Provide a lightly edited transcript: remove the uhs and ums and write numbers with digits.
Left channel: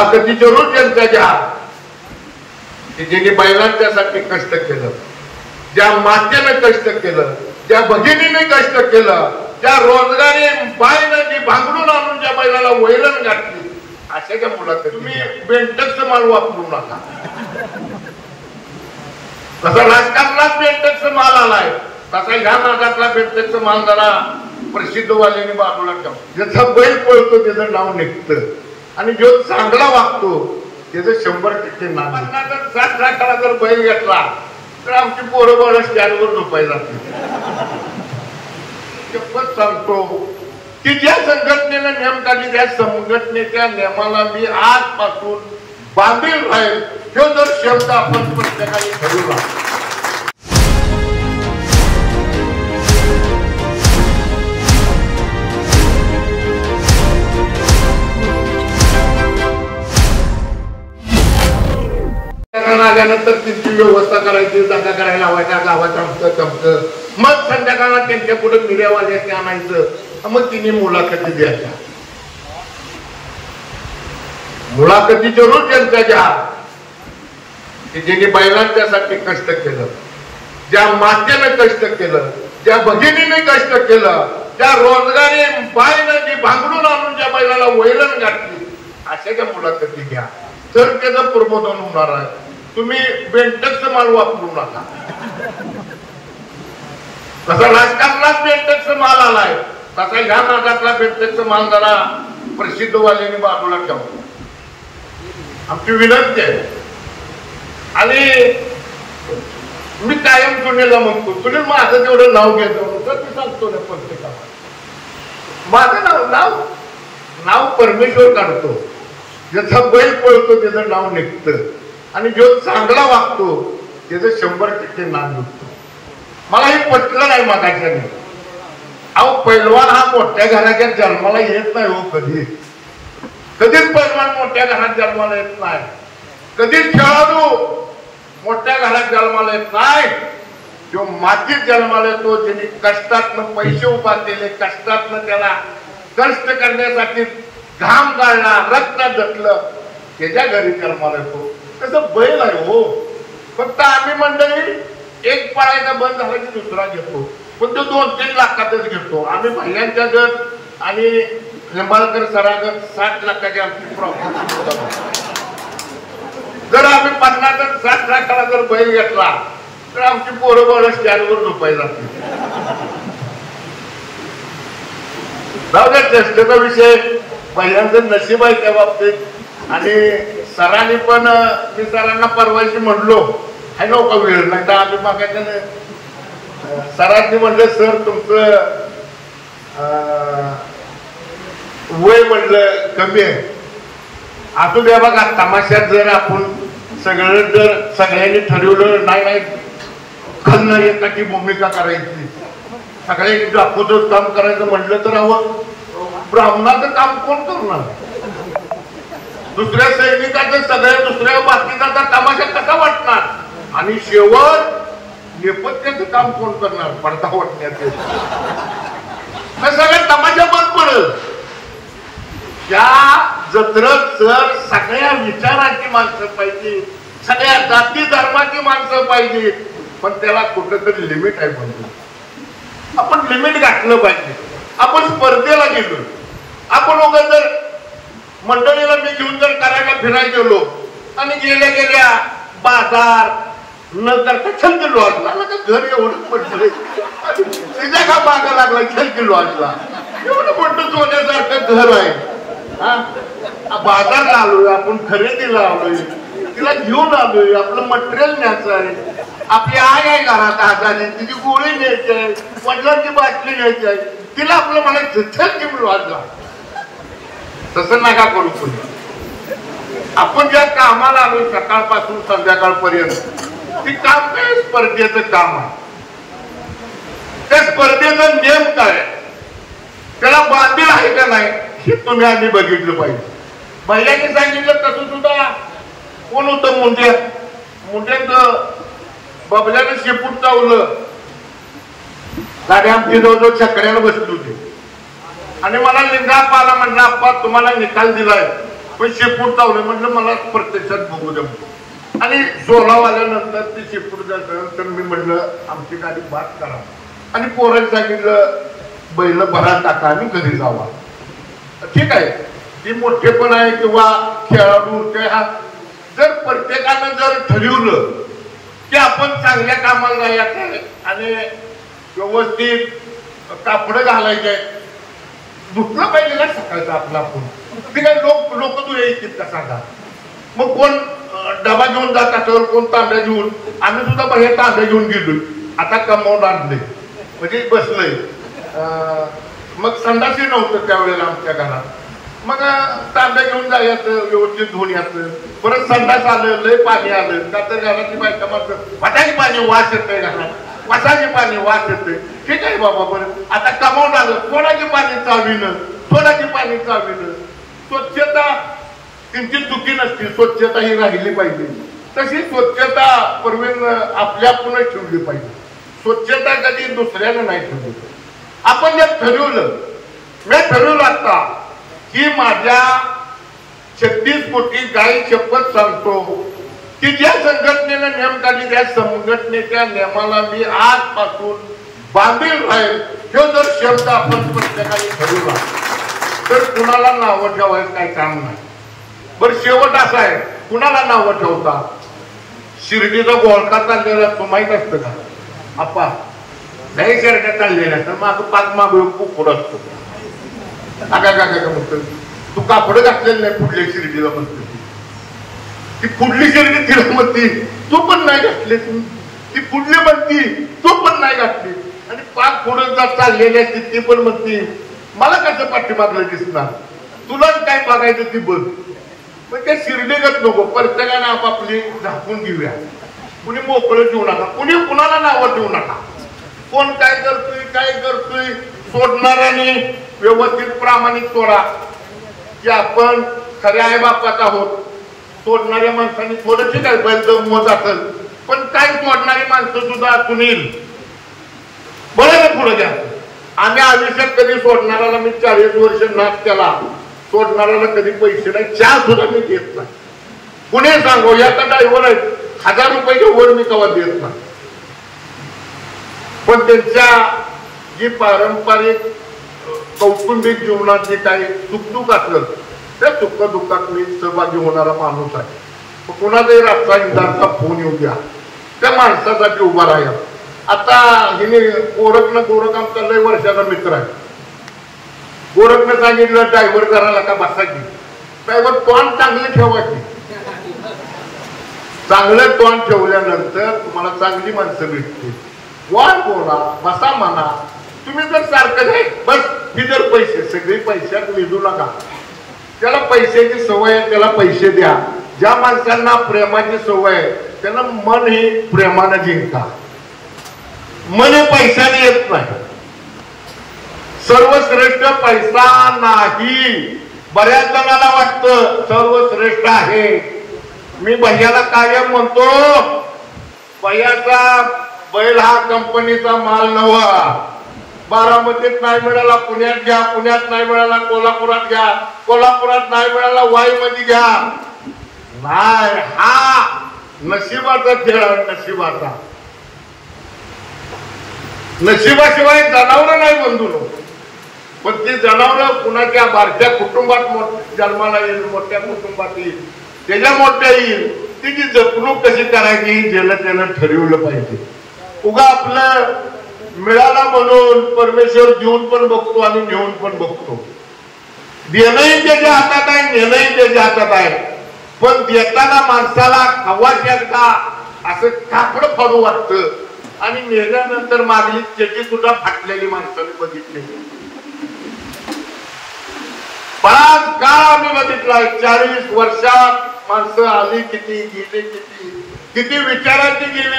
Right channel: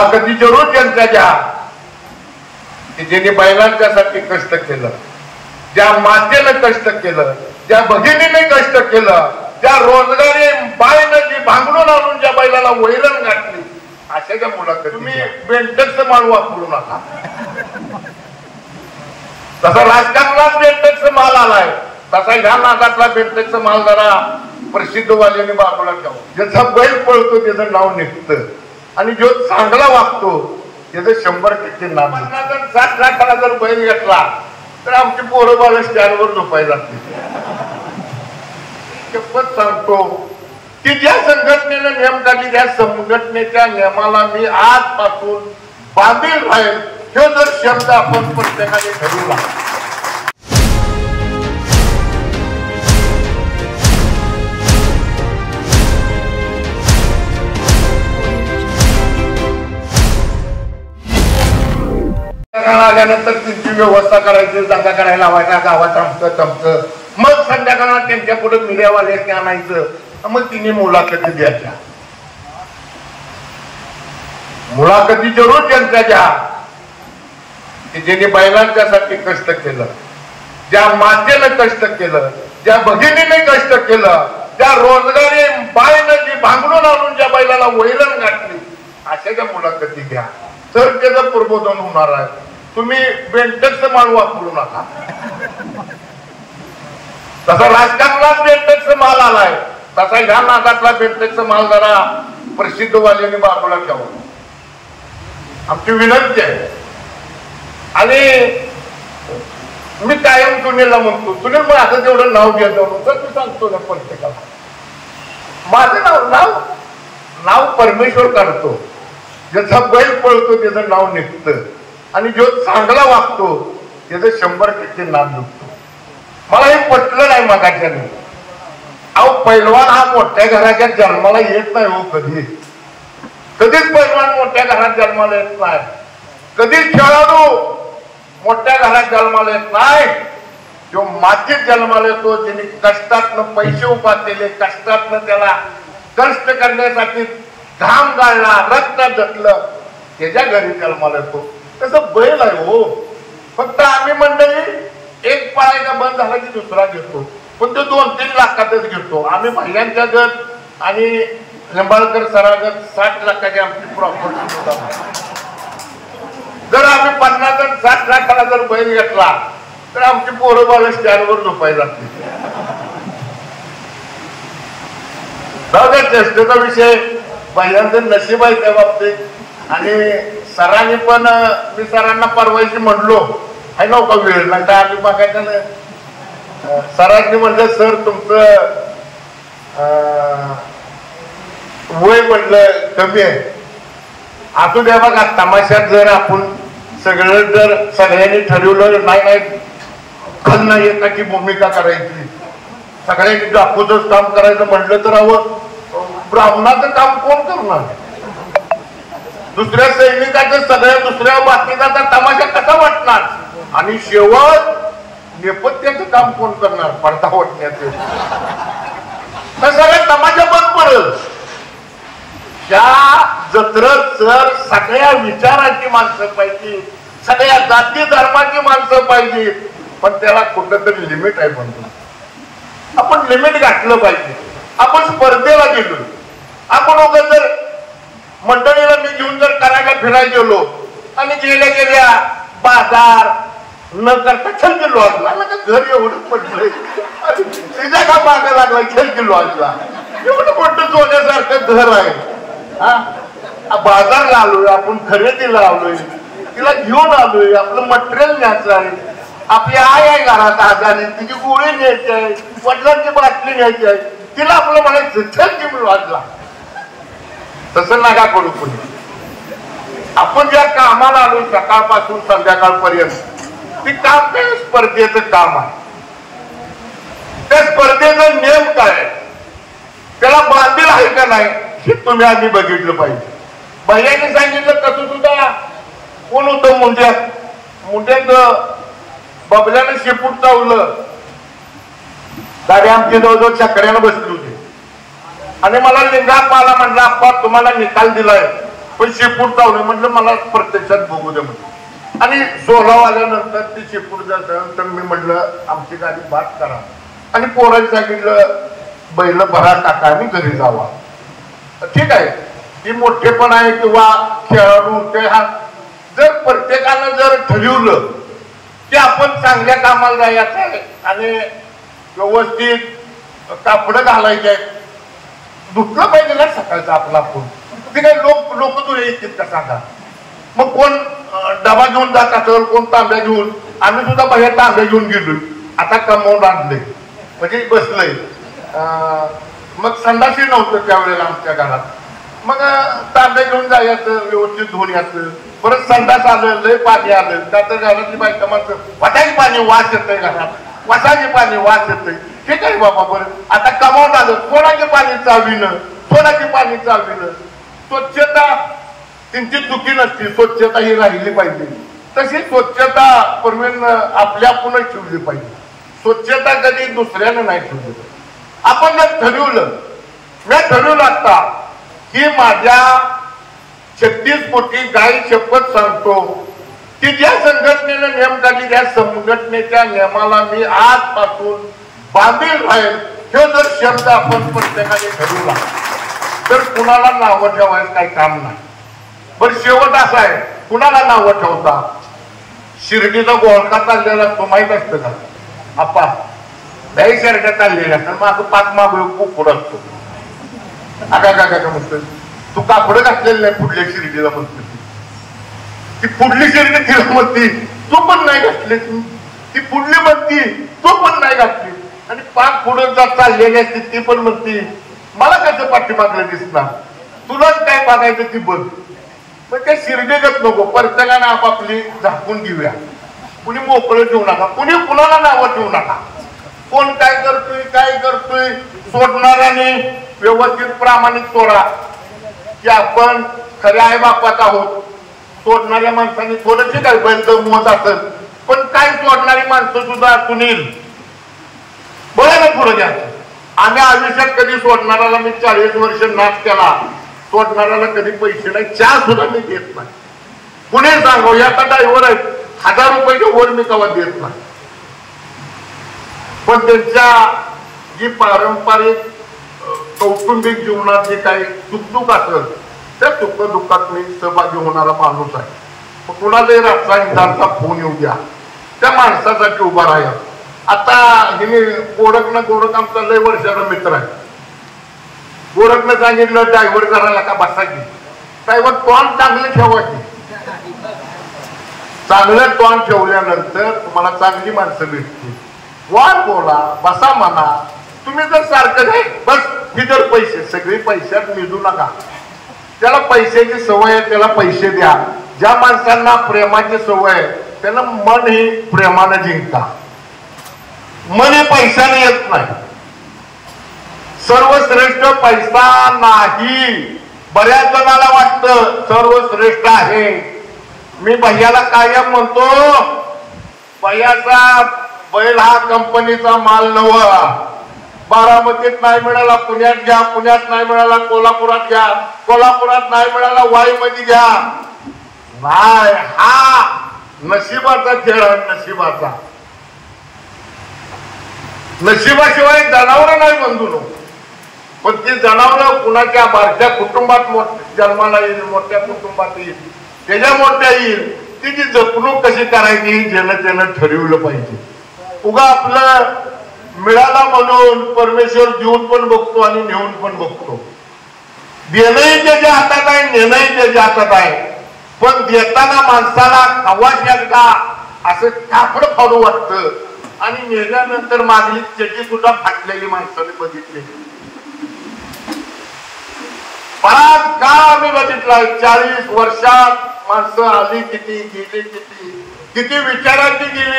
मुलाखती जरूर त्यांच्या घ्या की ज्यांनी बैलांच्यासाठी कष्ट केलं, ज्या मातेनं कष्ट केलं, ज्या भगिनीने कष्ट केलं, ज्या रोजगारी बाईनं जी भांगडून आणून ज्या बैलाला वैरण घातली, अशाच्या मुलाखती तुम्ही बेंटकचा माल वापरू नका. तसा राजकारणात बेंटकचा माल आलाय, तसा ह्या नागातला बेंटकचा माल जरा प्रसिद्ध वाल्याने बाजूला ठेवा. ज्याचा बैल पळतो त्याचं नाव निघतं आणि जो चांगला वागतो त्याचं 100% नाव. 50,000 लाखाला जर बैल घेतला तर आमची पोरं बाळ स्टँडवर झोपायला शपथ सांगतो की ज्या संघटनेनं नियम काढली त्या संघटनेच्या नियमाला मी आजपासून बांधील राहील. तो जर शब्द आपण प्रत्येकाने ठरवला. आल्यानंतर त्यांची व्यवस्था करायची, दंगा करायला लावायचा, गावात आमचं तमकं. मग संध्याकाळात त्यांच्या पुढे मीडियावाल्याने आणायचं, मग तिने मुलाखती द्यायच्या. मुलाखती जरूर त्यांच्या घ्या की ज्यांनी बैलांच्यासाठी कष्ट केलं, ज्या मातेनं कष्ट केलं, ज्या भगिनीने कष्ट केलं, ज्या रोजगारी बाईनं जी भांगडून आणून ज्या बैलाला वैरण घातली, अशाच्या मुलाखती घ्या. तर त्याचं प्रबोधन होणार आहे. तुम्ही बेंटकचा माल वापरू नका. तसा राजकारणात बेंटकचा माल आलाय, तसा ह्या नागातला बेंटकचा माल जरा प्रसिद्ध वाल्याने बाजूला ठेवा. आमची विनंती आहे. आणि मी कायम सुनीलला म्हणतो, सुनील माझं तेवढं नाव घ्यायचं तर मी सांगतो ना प्रत्येकाला, माझं नाव नाव परमेश्वर काढतो. ज्याचा बैल पळतो त्याचं नाव निघतं आणि जो चांगला वागतो त्याचं 100% नाव निघतो. मला हे पटलं नाही मागाच्याने. अहो पैलवान हा मोठ्या घराच्या जन्माला येत नाही हो. कधीच पैलवान मोठ्या घरात जन्माला येत नाही. कधीच खेळाडू मोठ्या घरात जन्माला येत नाही. जो मातीत जन्माला येतो, ज्यांनी कष्टातनं पैसे उभा केले, कष्टातनं त्याला कष्ट करण्यासाठी घाम गाळला, रक्त जटलं, त्याच्या घरी जन्माला येतो. तसं बैल आहे हो. फक्त आम्ही मंडळी एक पाळायचा बंद झाला की दुसरा घेतो, पण तो 2-3 लाखातच घेतो. आम्ही भाईयांच्या गट आणि निंबाळकर सरागत 60 लाखाची आमची प्रॉपर्टी होता. जर आम्ही 50-60 लाखाला जर बैल घेतला तर आमची पोरं बाळ स्टँडवर झोपायला चेष्टेचा विषय. भाईयांचं नशीब आहे त्या बाबतीत. आणि सरांनी पण मी सरांना परवायची म्हणलो आहे नव्हता वेळ नाही का आम्ही बघायचं ना. सरांनी म्हणलं सर तुमचं वय म्हणलं कमी आहे. असू द्या बघा, तमाशात जर आपण सगळ्यांनी ठरवलं नाही करणं एकाची भूमिका करायची, सगळ्यांनी दाखवतच काम करायचं म्हटलं तर अहो ब्राह्मणाचं काम कोण करणार? दुसऱ्या सैनिकाचं सगळ्या दुसऱ्या बातमीचा तमाशा कसा वाटणार? आणि शेवट नेपथ्याचं काम कोण करणार? पडदा वाटण्याचे सगळ्या तमाशा बंद पडेल. त्या जत्रेत जर सगळ्या विचाराची माणसं पाहिजे, सगळ्या जाती धर्माची माणसं पाहिजे, पण त्याला कुठंतरी लिमिट आहे. म्हणतो आपण लिमिट घातलं पाहिजे. आपण स्पर्धेला गेलो, आपण जर मंडळीला मी घेऊन जर करायला फिरायला गेलो आणि गेल्या बाजार न करता छंद लॉजला घर एवढं पडलंय, तिच्या का मागा लागला छंद लॉजला एवढं मोठं सोन्यासारखं घर आहे. बाजारला आलोय आपण, खरेदीला आलोय, तिला घेऊन आलोय, आपलं मटेरियल न्यायचं आहे. आपली आई आहे घरात आजारी, तिची गोळी न्यायची आहे, वडिलांची बाटली न्यायची आहे, तिला आपलं म्हणायचं छंद लॉजला. तसं नका करू. पुढे आपण ज्या कामाला आलो सकाळपासून संध्याकाळपर्यंत ती काम स्पर्धेचं काम आहे. त्या स्पर्धेचा नियम काय आहे, त्याला बांधील आहे का नाही हे तुम्ही आधी बघितलं पाहिजे. भैयाने सांगितलं तसं सुद्धा कोण होतं मुंड्यात बबल्यानं शेपूट चावलं. गाडी आमची जवळजवळ चकड्यानं बसली होती आणि मला लिंगाप्पाला म्हटलं आप्पा तुम्हाला निकाल दिलाय पण शेपूट चावलं म्हटलं मला प्रत्यक्षात बघू द्या म्हटलं. आणि सोलाव आल्यानंतर ती शेपूट जाल्यानंतर मी म्हटलं आमची गाडी बाद करा आणि पोरांनी सांगितलं बैल भरा टाका आणि घरी जावा. ठीक आहे, ही मोठेपण आहे किंवा खेळाडू हा जर प्रत्येकानं जर ठरवलं की आपण चांगल्या कामाला जायचं आणि व्यवस्थित कापडं घालायचे दुसरं पाहिजे ना सकाळचं आपला आपण ते काय लोक तू येतील का सांगा. मग कोण डबा घेऊन जात असेल कोण तांब्या घेऊन, आम्ही सुद्धा बाहेर तांब्या घेऊन गेलोय आता कमावून आणलंय म्हणजे बसलंय. मग संडासही नव्हतं त्यावेळेला आमच्या घरात, मग तांब्या घेऊन जायचं व्यवस्थित धुवून यायचं. परत संडास आलं लय पाणी आलं त्यात घरातली बायका माणसं वाटायची पाणी वास येतंय घरात, वासाचे पाणी वास येतंय. ठीक आहे बाबा बरं आता कमावून आलं कोणाचे पाणी चालविणं सोनाची पाणी चालविणं. स्वच्छता त्यांची चुकी नसते, स्वच्छता ही राहिली पाहिजे. तशी स्वच्छता परवीन आपल्या आपणच ठेवली पाहिजे. स्वच्छता कधी दुसऱ्यानं नाही ठेवली. आपण जर ठरवलं मी ठरवलं आता की माझ्या 36 कोटी गाई शपथ सांगतो की ज्या संघटनेनं नियम काढली त्या संघटनेच्या नियमाला मी आजपासून बांधील राहील. हे जर शब्द आपण प्रत्येकाने ठरवला तर कुणाला नावं ठेवायचं काही काम नाही. पण शेवट असा आहे कुणाला नावं ठेवता. शिर्डीचा गोळका चाललेला असतो माहित असतं का आपा दही शर्टा चाललेला असतं मग पाक माग खूप असतो. आगा का म्हणतो तू कापड घातलेलं नाही पुढल्या शिर्डीला म्हणते ती पुढली शिर्डी तिला म्हणती तू पण नाही घातली ती पुढली म्हणती तू पण नाही घातली आणि पाक पुढे जात चाललेली असते ती पण म्हणती मला कसं पाठीमागलं दिसणार तुलाच काय बघायचं ती बघ. पण त्या शिर्डीगत नको प्रत्येकाने आपापली झाकून घेऊया. कुणी मोकळं ठेवू नका, कुणी कुणाला नावं ठेवू नका. कोण काय करतोय सोडणाऱ्याने व्यवस्थित प्रामाणिक सोडा की आपण खऱ्या आई बापात आहोत. सोडणाऱ्या माणसांनी थोडं ठीक आहे बैल गमवत असेल पण काय सोडणारी माणसं सुद्धा सुनील बोला ना पुढे द्या. आम्ही आयुष्यात कधी सोडणाऱ्याला मी 40 वर्ष नाच केला सोडणाऱ्याला कधी पैसे नाही चहा सुद्धा मी देत नाही. कुणी सांगू याचा ड्रायव्हर आहे 1000 रुपये वर मी तेव्हा देत नाही. पण त्यांच्या जी पारंपरिक कौटुंबिक जीवनात जे काही सुखदुःख असलं त्या सुख दुःखात मी सहभागी होणारा माणूस आहे. कुणाचाही रातचा निदानचा फोन येऊ द्या त्या माणसासाठी उभा राहा. आता हिने गोरख आमचा लय वर्षाचा मित्र आहे. गोरखनं सांगितलं ड्रायव्हर करायला का बसायची ड्रायव्हर तोंड चांगली ठेवायची. चांगलं तोंड ठेवल्यानंतर तुम्हाला चांगली माणसं भेटतील. वाढ बोला बसा म्हणा. तुम्ही जर सारखं नाही बस ही जर पैसे सगळे पैशात मिळू नका. त्याला पैशाची सवय आहे त्याला पैसे द्या. ज्या माणसांना प्रेमाची सवय आहे त्यांना मन ही प्रेमानं जिंका. मन हे पैशाने येत नाही. सर्वश्रेष्ठ पैसा नाही. बऱ्याच जणांना वाटतं सर्वश्रेष्ठ आहे. मी भैयाला कायम म्हणतो भैयाचा बैल हा कंपनीचा माल नव्हा. बारामतीत नाही मिळाला पुण्यात घ्या, पुण्यात नाही मिळाला कोल्हापुरात घ्या, कोल्हापुरात नाही मिळाला वाईमध्ये घ्या. नाही हा नशिबाचा खेळ आहे. नशिबाचा नशिबाशिवाय जनावर नाही बंधू. पण ती जनावर कुणाच्या बारक्या कुटुंबात जन्माला येईल मोठ्या कुटुंबात येईल त्याच्या मोठ्या येईल. तिची जपणूक कशी करायची ज्याला ठरवलं पाहिजे. उगा आपलं मिळाला म्हणून परमेश्वर देऊन पण बघतो आणि नेऊन पण बघतो. देणंही त्याच्या हातात आहे नेणंही त्याच्या हातात आहे. पण देताना माणसाला खवायच्या असं कापड फाडू वाटतं आणि नेल्यानंतर मागली त्याची सुद्धा फाटलेली माणसाने बघितलेली. बराच काळ आम्ही बघितलाय. 40 वर्षात माणसं आली किती गेली किती विचारायची गेली.